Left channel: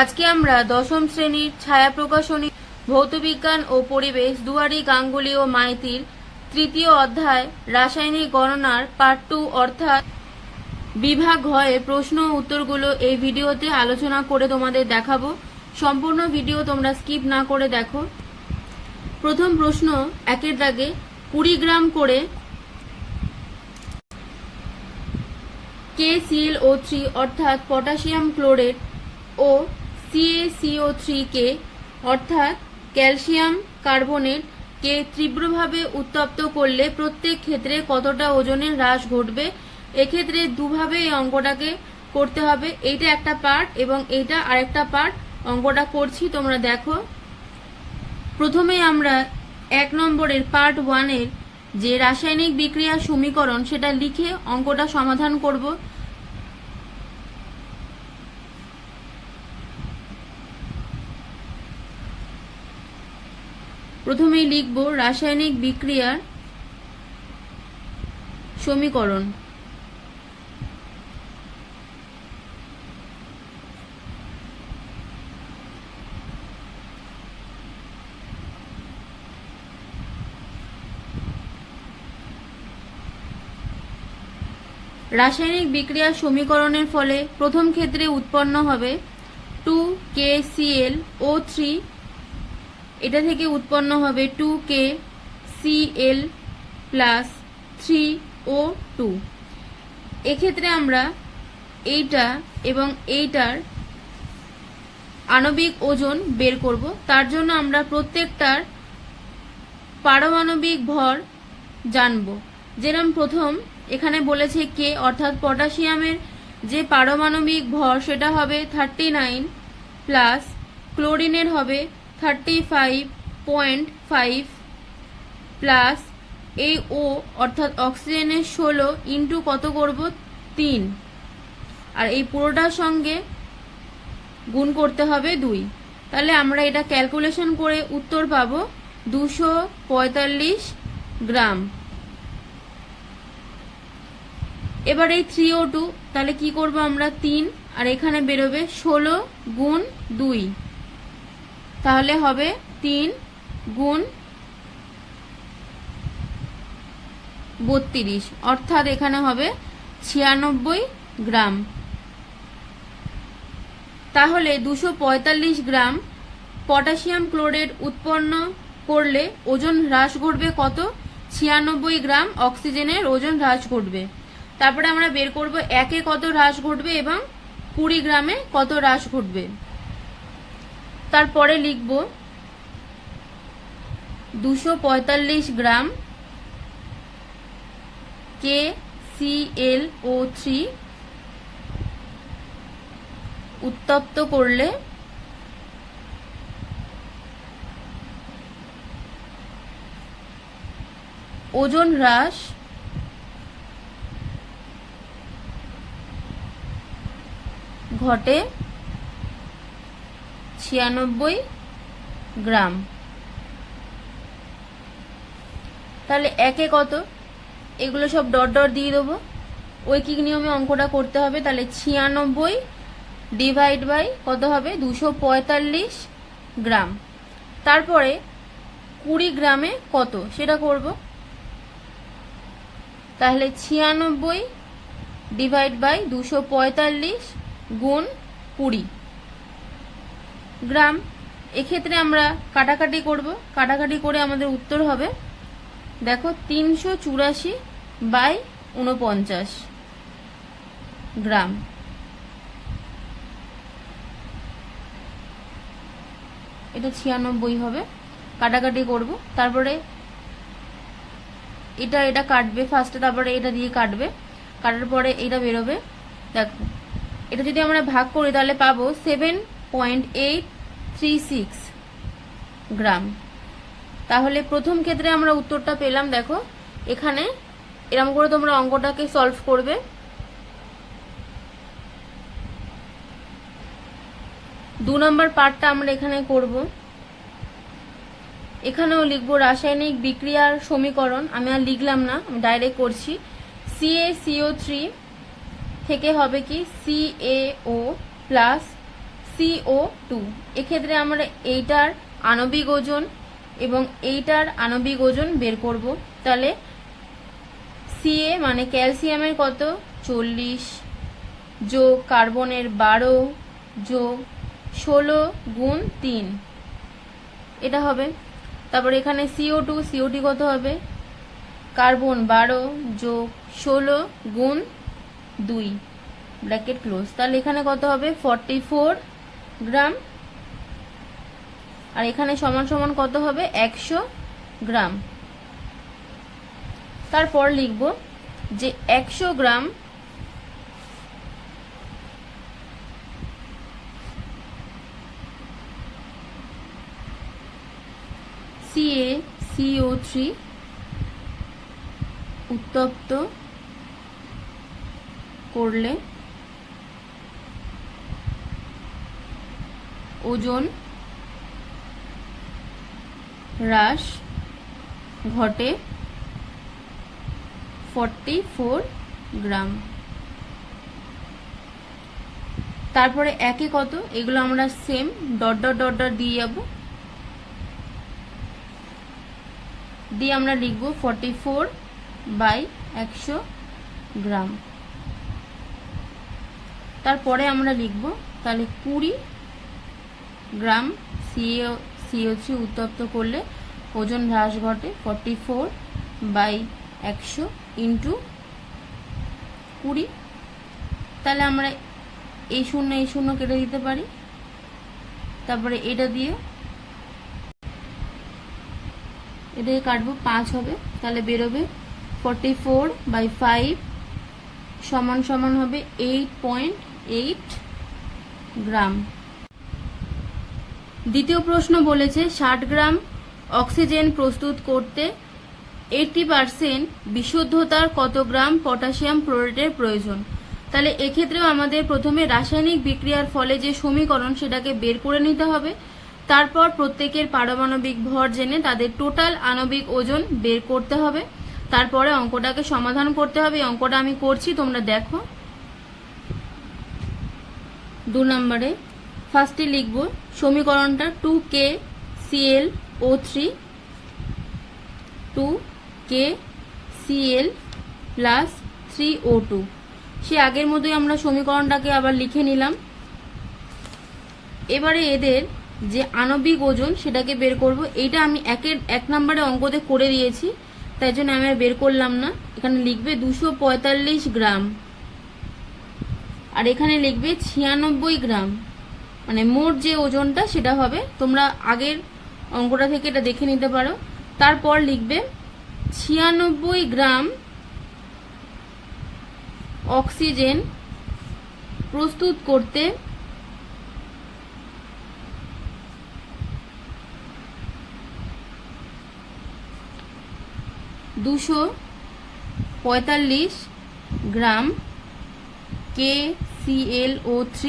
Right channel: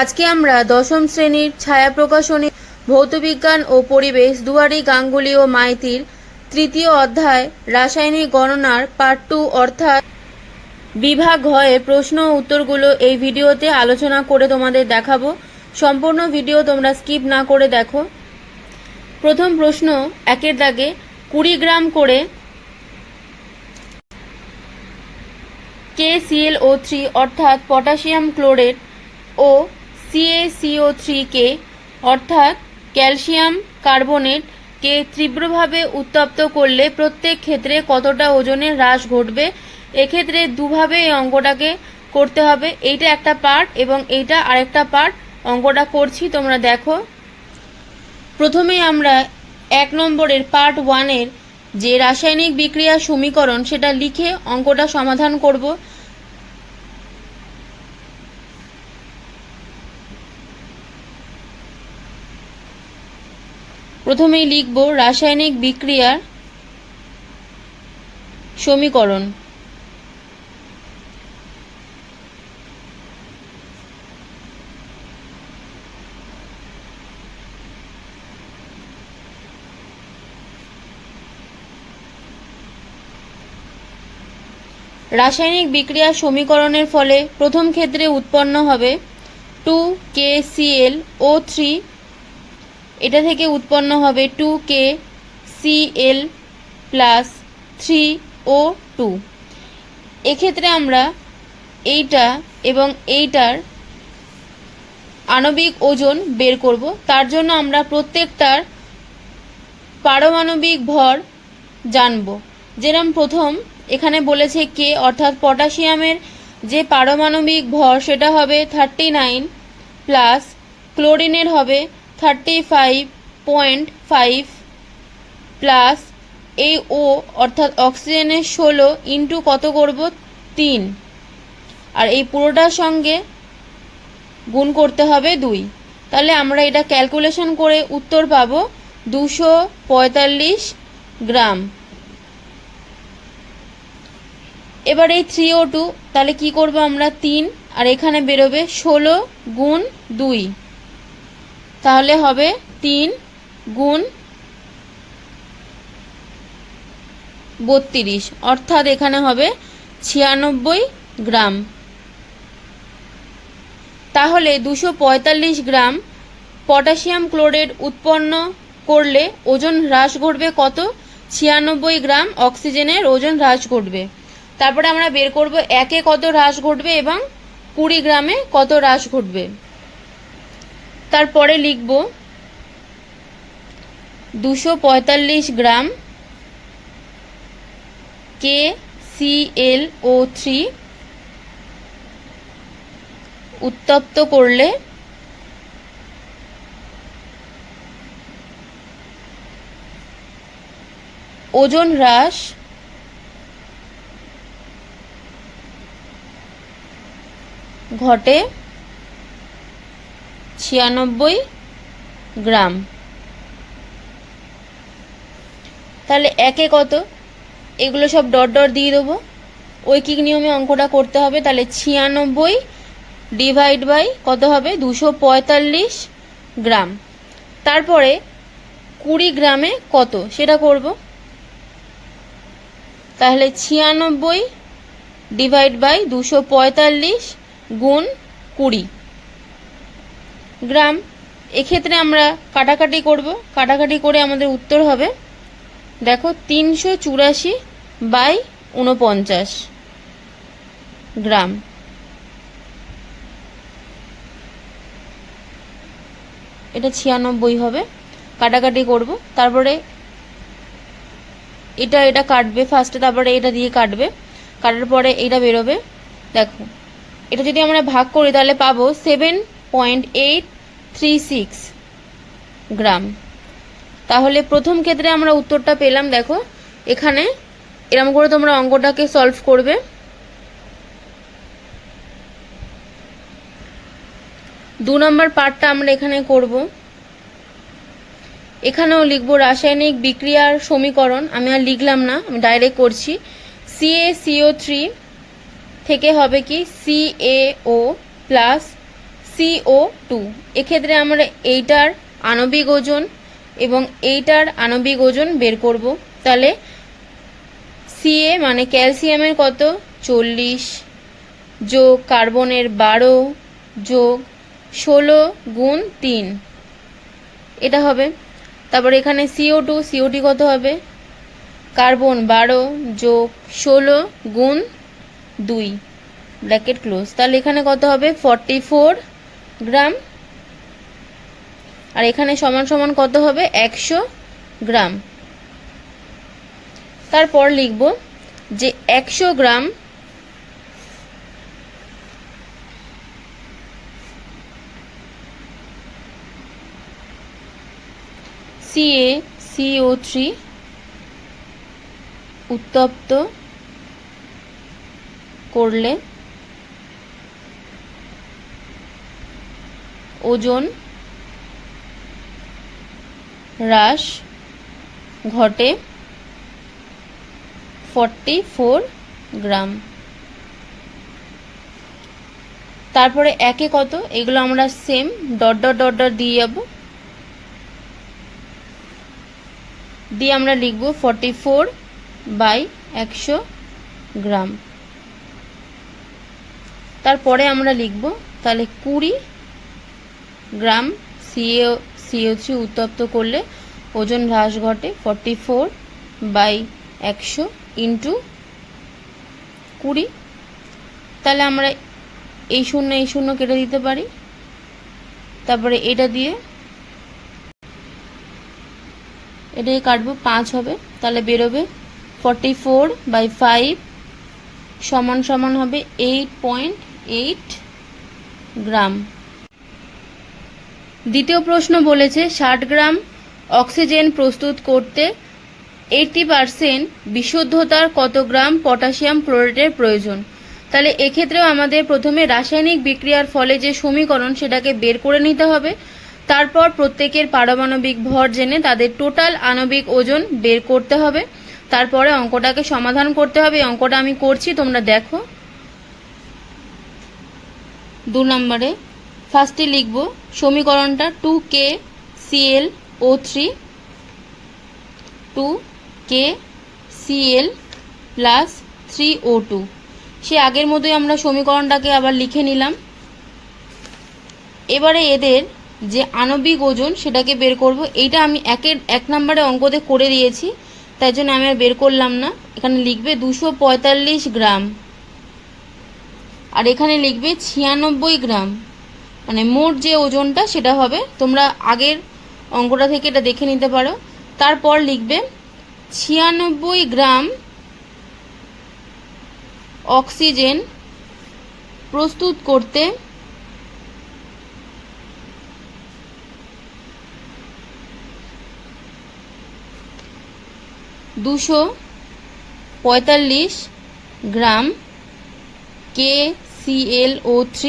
আজকে আমরা দশম শ্রেণীর ছায়া প্রকাশনী ভৌতবিজ্ঞান ও পরিবেশ দুয়ারি গাঙ্গুলি ও মাইতির তৃতীয় অধ্যায় রাসায়নিক গণনার পার্ট 2 অর্থাৎ বিভাগ ঘয়ের প্রশ্ন ও উত্তরগুলো এই ভিডিওতে আলোচনা করে তোমাদের দেখাবো। সম্পূর্ণ ভিডিও তোমরা স্কিপ না করে দেখো। প্রথম প্রশ্ন, একের দাগে 20 গ্রাম করে KClO3 অর্থাৎ পটাশিয়াম ক্লোরেট ও CaCO3কে অর্থাৎ ক্যালসিয়াম কার্বনেট কে তীব্রভাবে উত্তপ্ত করলে প্রত্যেক ক্ষেত্রে কতটা ওজনের হ্রাস ঘটবে। এক্ষেত্রে দুভাবে এই অঙ্কটাকে করতে হবে, এইটা একটা পার্ট এবং এইটা আরেকটা পার্ট। অঙ্কটা করছি, তোমরা দেখো। প্রথমেই আমরা 1 নম্বরের পার্ট 1 এর যে রাসায়নিক বিক্রিয়ার সমীকরণ সেটা লিখে অঙ্কটা সমাধান করব। প্রথমেই লিখব রাসায়নিক বিক্রিয়ার সমীকরণ। রাসায়নিক বিক্রিয়ার সমীকরণের ফলে প্রথম ক্ষেত্রে উৎপন্ন হবে 2KClO3, এটা থেকে উৎপন্ন হবে 2KCl প্লাস 3O2। এক্ষেত্রে আমরা এইটা এবং এইটার আণবিক ওজন বের করব। তার জন্য আমরা প্রত্যেকটার পারমাণবিক ভর জানব। যেরকম প্রথম এখানে বলেছে কে অর্থাৎ পটাশিয়ামের যে পারমাণবিক ভর সেটা হবে 39 প্লাস ক্লোরিনের হবে 35.5 প্লাস এই ও অর্থাৎ অক্সিজেনের 16 ইন্টু কত করব 3, আর এই পুরোটার সঙ্গে গুণ করতে হবে 2। তাহলে আমরা এটা ক্যালকুলেশন করে উত্তর পাবো 245 গ্রাম। এবার এই 3O2 তাহলে কি করব আমরা 3, আর এখানে বেরোবে 16 গুণ 2, তাহলে হবে 3 গুণ 32, অর্থাৎ এখানে হবে 96 গ্রাম। তাহলে 245 গ্রাম পটাশিয়াম ক্লোরেট উৎপন্ন করলে ওজন হ্রাস ঘটবে কত? 96 গ্রাম অক্সিজেনের ওজন হ্রাস ঘটবে। তারপরে আমরা বের করব একে কত হ্রাস ঘটবে এবং 20 গ্রামে কত হ্রাস ঘটবে। তারপরে লিখব 245 গ্রাম KClO3 উত্তপ্ত করলে ওজন হ্রাস ঘটে 96 গ্রাম। তাহলে একে কত, এগুলো সব ডট ডট দিয়ে দেবো, ঐকিক নিয়মে অঙ্কটা করতে হবে। তাহলে 96 ডিভাইড বাই কত হবে 245 গ্রাম। তারপরে 20 গ্রামে কত সেটা করব। তাহলে 96 ডিভাইড বাই 245 গুণ 20 গ্রাম। এক্ষেত্রে আমরা কাটাকাটি করব, কাটাকাটি করে আমাদের উত্তর হবে দেখো 384 বাই 49 গ্রাম। এটা 96 হবে, কাটাকাটি করব। তারপরে এটা এটা কাটবে ফার্স্টে, তারপরে এটা দিয়ে কাটবে, কাটার পরে এটা বেরোবে। দেখো এটা যদি আমরা ভাগ করি তাহলে পাবো 7.836 গ্রাম। তাহলে প্রথম ক্ষেত্রে আমরা উত্তরটা পেলাম। দেখো এখানে এরকম করে তোমরা অঙ্কটাকে সলভ করবে। 2 নম্বর পার্টটা আমরা এখানে করব। এখানেও লিখব রাসায়নিক বিক্রিয়ার সমীকরণ। আমি আর লিখলাম না, আমি ডাইরেক্ট করছি। CaCO3 থেকে হবে কি CaO প্লাস CO2। এক্ষেত্রে আমরা এইটার আণবিক ওজন এবং এইটার আণবিক ওজন বের করব। তাহলে Ca মানে ক্যালসিয়ামের কত 40 যোগ কার্বনের 12 যোগ 16 গুণ 3, এটা হবে। তারপর এখানে CO2 কত হবে কার্বন 12 যোগ 16 গুণ 2 ব্র্যাকেট ক্লোজ। তাহলে এখানে কত হবে 44 গ্রাম, আর এখানে সমান সমান কত হবে 100 গ্রাম। তারপর লিখব যে 100 গ্রাম CaCO3 উত্তপ্ত করলে ওজন হ্রাস ঘটে 44 গ্রাম। তারপরে একে কত, এগুলো আমরা same dot dot dot dot দিয়ে যাব, দিয়ে আমরা লিখব 44/100 গ্রাম। তারপরে আমরা লিখব তাহলে 20 গ্রাম CO3 উত্তপ্ত করলে ওজন হ্রাস ঘটে 44/100 ইন্টু 20। তাহলে আমরা এই শূন্য কেটে দিতে পারি, তারপরে এটা দিয়ে এটাই কাটবো 5 হবে, তাহলে বেরোবে 44/5 সমান সমান হবে 8.8 গ্রাম। দ্বিতীয় প্রশ্ন বলেছে 60 গ্রাম অক্সিজেন প্রস্তুত করতে 80% বিশুদ্ধতার কত গ্রাম পটাশিয়াম ক্লোরেটের প্রয়োজন। তাহলে এক্ষেত্রেও আমাদের প্রথমে রাসায়নিক বিক্রিয়ার ফলে যে সমীকরণ সেটাকে বের করে নিতে হবে, তারপর প্রত্যেকের পারমাণবিক ভর জেনে তাদের টোটাল আণবিক ওজন বের করতে হবে, তারপরে অঙ্কটাকে সমাধান করতে হবে। অঙ্কটা আমি করছি, তোমরা দেখো। 2 নম্বরে ফার্স্টে লিখব সমীকরণটা 2KClO3 2KCl প্লাস 3O2। সে আগের মতোই আমরা সমীকরণটাকে আবার লিখে নিলাম। এবারে এদের যে আণবিক ওজন সেটাকে বের করব। এইটা আমি 1 নম্বরে অঙ্কতে করে দিয়েছি, তাই জন্য আমি আর বের করলাম না। এখানে লিখবে 245 গ্রাম, আর এখানে লিখবে 96 গ্রাম, মানে মোট যে ওজনটা সেটা হবে। তোমরা আগের অঙ্কটা থেকে এটা দেখে নিতে পারো। তারপর লিখবে 96 গ্রাম অক্সিজেন প্রস্তুত করতে 245 গ্রাম KClO3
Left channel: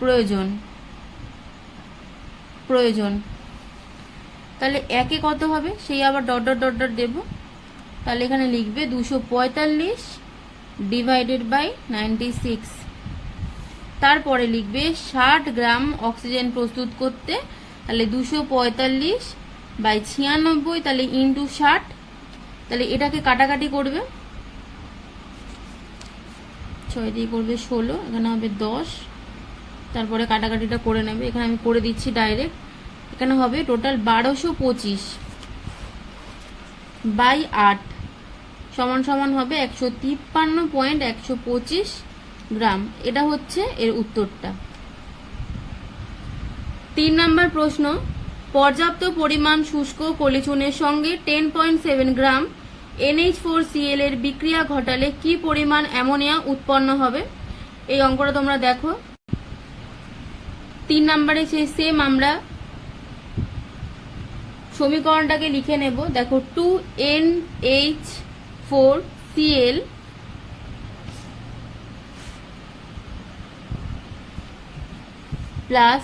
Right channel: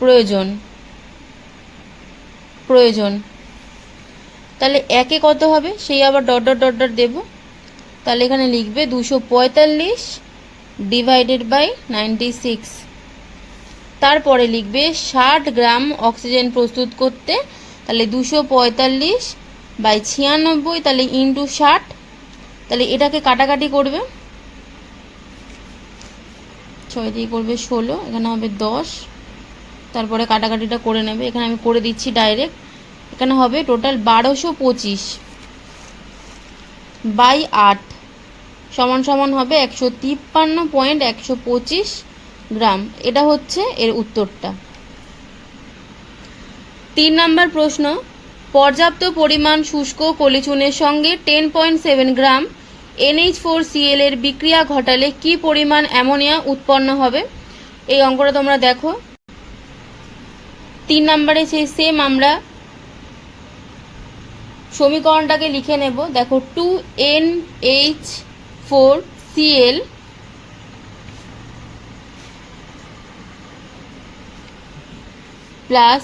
প্রয়োজন। তাহলে একে কত হবে সেই আবার ডট ডট ডট ডট দেব। তাহলে এখানে লিখবে 245 ডিভাইডেড বাই 96। তারপরে লিখবে 60 গ্রাম অক্সিজেন প্রস্তুত করতে, তাহলে 245/96, তাহলে ইন্টু 60। তাহলে এটাকে কাটাকাটি করবে, 6 দিয়ে করবে 16, এখানে হবে 10। তারপরে কাটাকাটিটা করে নেবে, এখানে আমি করে দিচ্ছি ডাইরেক্ট। এখানে হবে টোটাল 1225/8 সমান সমান হবে 153.125 গ্রাম। এটা হচ্ছে এর উত্তরটা। 3 নম্বর প্রশ্ন, পর্যাপ্ত পরিমাণ শুষ্ক কলিচুনের সঙ্গে 10.7 গ্রাম NH4Cl এর বিক্রিয়া ঘটালে কি পরিমাণ অ্যামোনিয়া উৎপন্ন হবে। এই অঙ্কটা তোমরা দেখো। 3 নম্বরে সেই সেম আমরা সমীকরণটাকে লিখে নেব। দেখো 2NH4Cl প্লাস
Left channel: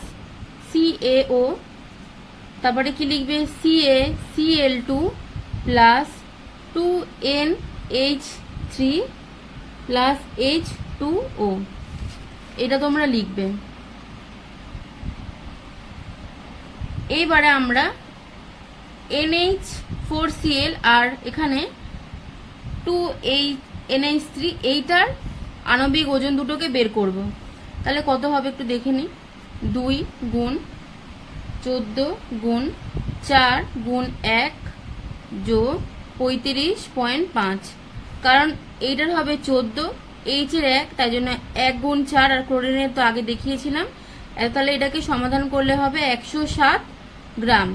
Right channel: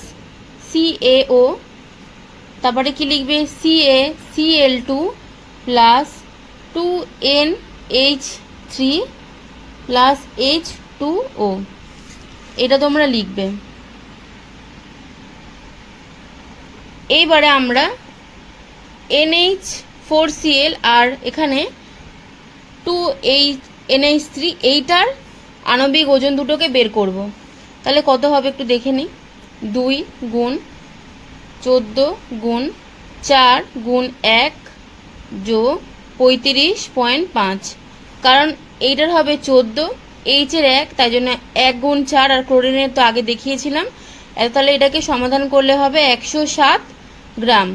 CaO, তারপরে কি লিখবে CaCl2 plus 2NH3 plus H2O, এটা তোমরা লিখবে। এইবারে আমরা NH4Cl আর এখানে 2NH3 এইটার আণবিক ওজন দুটোকে বের করব। তাহলে কত হবে একটু দেখে নিই। 2 গুণ 14 গুণ 4 গুণ 1 যোগ 35.5, কারণ এইটার হবে 14, এইচের 1, তাই জন্য 1 গুণ 4, আর ক্লোরিনের তো আগে দেখিয়েছিলাম। তাহলে এটাকে সমাধান করলে হবে 107 গ্রাম।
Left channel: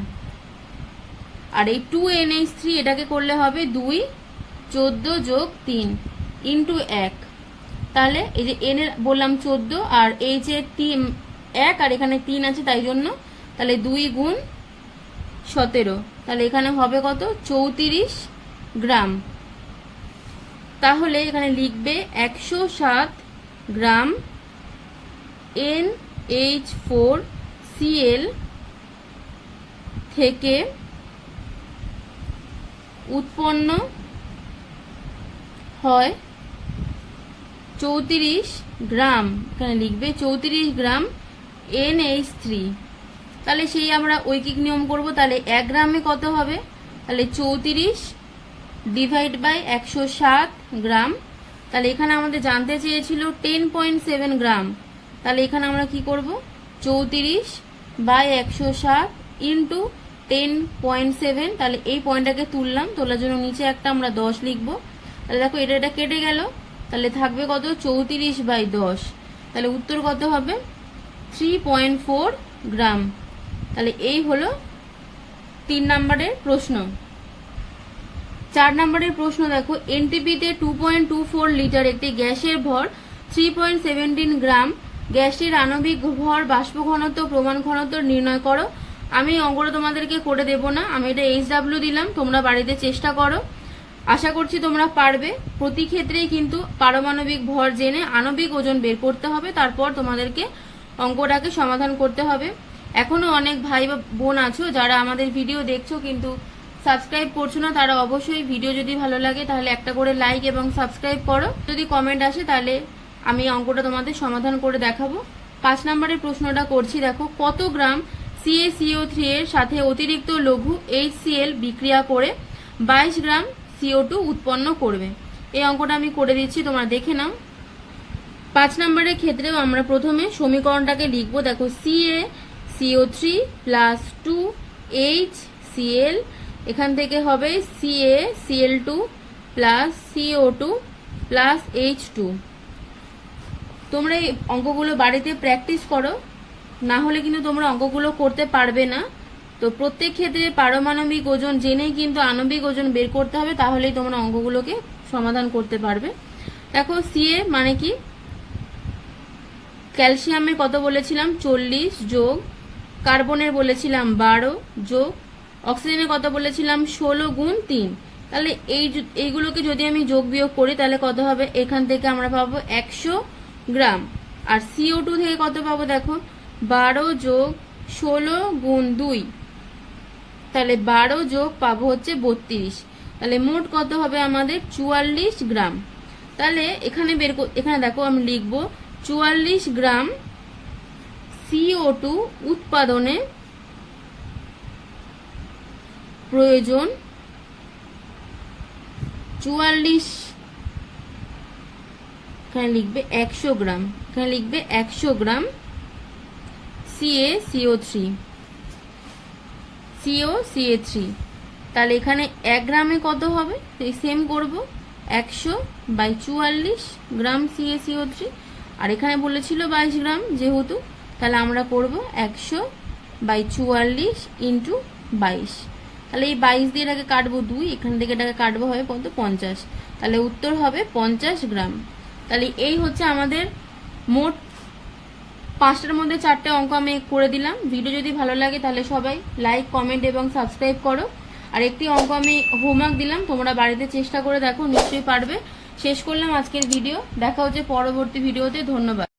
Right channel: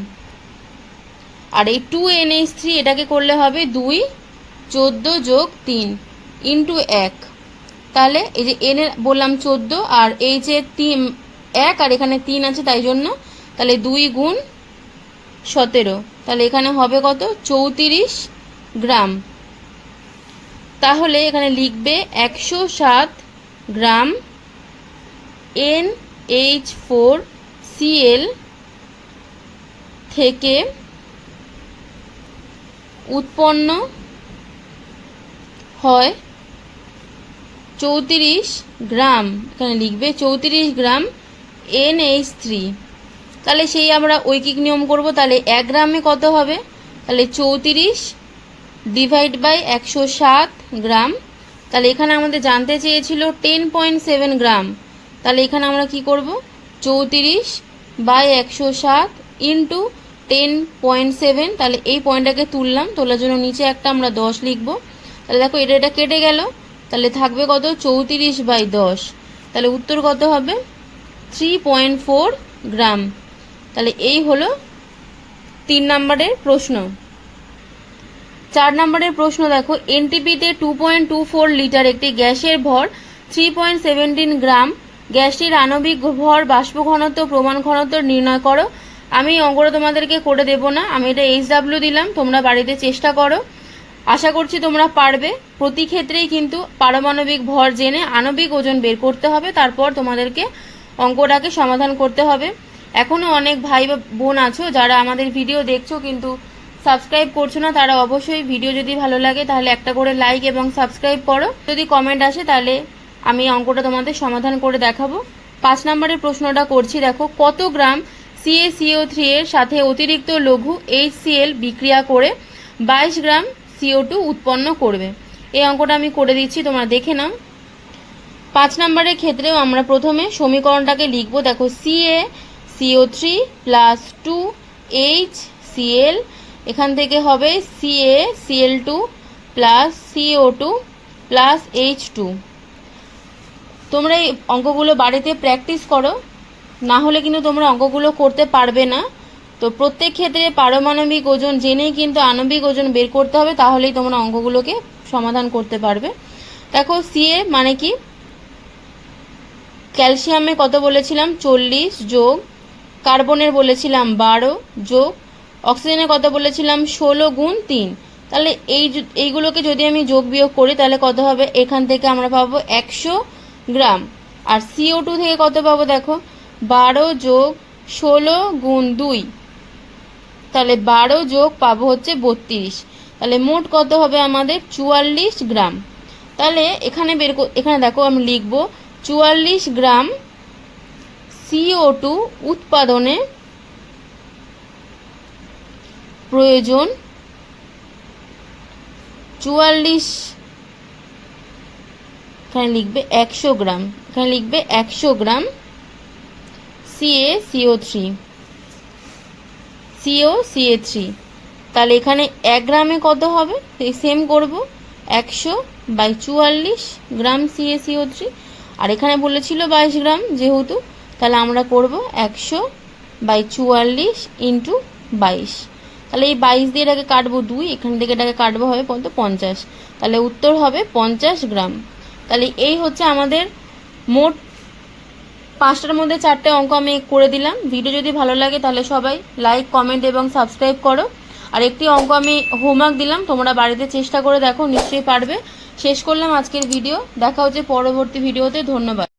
আর এই 2NH3 এটাকে করলে হবে 2 14 যোগ 3 ইন্টু 1, তাহলে এই যে এন এর বললাম 14 আর এইচ এর 1 আর এখানে 3 আছে, তাই জন্য তাহলে 2 গুণ 17, তাহলে এখানে হবে কত 34 গ্রাম। তাহলে এখানে লিখবে 107 গ্রাম NH4Cl থেকে উৎপন্ন হয় 34 গ্রাম, এখানে লিখবে 34 গ্রাম NH3। তাহলে সেই আমরা ঐকিক নিয়ম করব। তাহলে 1 গ্রামে কত হবে, তাহলে 34 ডিভাইড বাই 107 গ্রাম। তাহলে এখানে আমাদের জানতে চেয়েছিল 10.7 গ্রাম, তাহলে এখানে আমরা কি করব 34 বাই 107 ইন্টু 10.7, তাহলে এই পয়েন্টটাকে তুললাম, তোলার জন্য নিচে একটা আমরা 10 লিখব। তাহলে দেখো এটা কেটে গেল, তাহলে থাকবে কত 34 বাই 10, তাহলে উত্তর কত হবে 3.4 গ্রাম। তাহলে এই হলো 3 নম্বরের প্রশ্ন। 4 নম্বরের প্রশ্ন দেখো, এনটিপিতে 2.24 লিটার একটি গ্যাসের ভর 3.17 গ্রাম, গ্যাসটির আণবিক ভর, বাষ্প ঘনত্ব, প্রমাণ ঘনত্ব নির্ণয় করো। আমি অঙ্কটা তোমাদেরকে করে দেব না, আমি এটা HW দিলাম, তোমরা বাড়িতে চেষ্টা করো, আশা করছি তোমরা পারবে। প্রতি ক্ষেত্রেই কিন্তু পারমাণবিক ভর জেনে আণবিক ওজন বের করতে হবে, তারপর তোমাদেরকে অঙ্কটাকে সমাধান করতে হবে। এখনো অনেক ভাই বা বোন আছো যারা আমাদের ভিডিও দেখছো কিন্তু সাবস্ক্রাইব করছো না, তারা অবশ্যই ভিডিও যদি ভালো লাগে তাহলে একটা করে লাইক এবং সাবস্ক্রাইব করো। যদি কমেন্ট আসে তাহলে আমি অঙ্কটা তোমাদের সমাধান করে দেখাবো। 5 নম্বরের প্রশ্নটা করছি, দেখো কত গ্রাম CaCO3 এর সাথে অতিরিক্ত লঘু HCl বিক্রিয়া করে 22 গ্রাম CO2 উৎপন্ন করবে। এই অঙ্কটা আমি করে দিচ্ছি, তোমরা দেখে নাও। 5 নম্বরের ক্ষেত্রেও আমরা প্রথমে সমীকরণটাকে লিখবো। দেখো CaCO3 প্লাস 2HCl, এখান থেকে হবে CaCl2 plus CO2 plus H2। তোমরা এই অঙ্কগুলো বাড়িতে প্র্যাকটিস করো, না হলে কিন্তু তোমরা অঙ্কগুলো করতে পারবে না। তো প্রত্যেক ক্ষেত্রে পারমাণবিক ওজন জেনেই কিন্তু আণবিক ওজন বের করতে হবে, তাহলেই তোমরা অঙ্কগুলোকে সমাধান করতে পারবে। দেখো Ca মানে কি, ক্যালসিয়ামে কত বলেছিলাম 40 যোগ, কার্বনের বলেছিলাম 12 যোগ, অক্সিজেনের কত বলেছিলাম 16 গুণ 3। তাহলে এইগুলোকে যদি আমি যোগ বিয়োগ করি তাহলে কত হবে, এখান থেকে আমরা পাবো 100 গ্রাম। আর CO2 থেকে কত পাবো, দেখো 12 যোগ 16 গুণ 2, তাহলে 12 যোগ পাবো হচ্ছে 32, তাহলে মোট কত হবে আমাদের 44 গ্রাম। তাহলে এখানে দেখো আমি লিখবো 44 গ্রাম CO2 উৎপাদনে প্রয়োজন 44, এখানে লিখবে 100 গ্রাম, এখানে লিখবে 100 গ্রাম CaCO3। তাহলে এখানে 1 গ্রামে কত হবে, এই সেম করব 100 বাই 44 গ্রাম CaCO3, আর এখানে বলেছিল 22 গ্রাম যেহেতু, তাহলে আমরা করব 100 বাই 44 ইন্টু 22। তাহলে এই 22 দিয়ে এটাকে কাটবো 2, এখান থেকে এটাকে কাটবো হবে কত 50, তাহলে উত্তর হবে 50 গ্রাম। তাহলে এই হচ্ছে আমাদের মোট 5টার মধ্যে 4টে অঙ্ক আমি করে দিলাম। ভিডিও যদি ভালো লাগে তাহলে সবাই লাইক, কমেন্ট এবং সাবস্ক্রাইব করো। আর একটি অঙ্ক আমি হোমওয়ার্ক দিলাম, তোমরা বাড়িতে চেষ্টা করে দেখো, নিশ্চয়ই পারবে। শেষ করলাম আজকের ভিডিও, দেখা হচ্ছে পরবর্তী ভিডিওতে। ধন্যবাদ।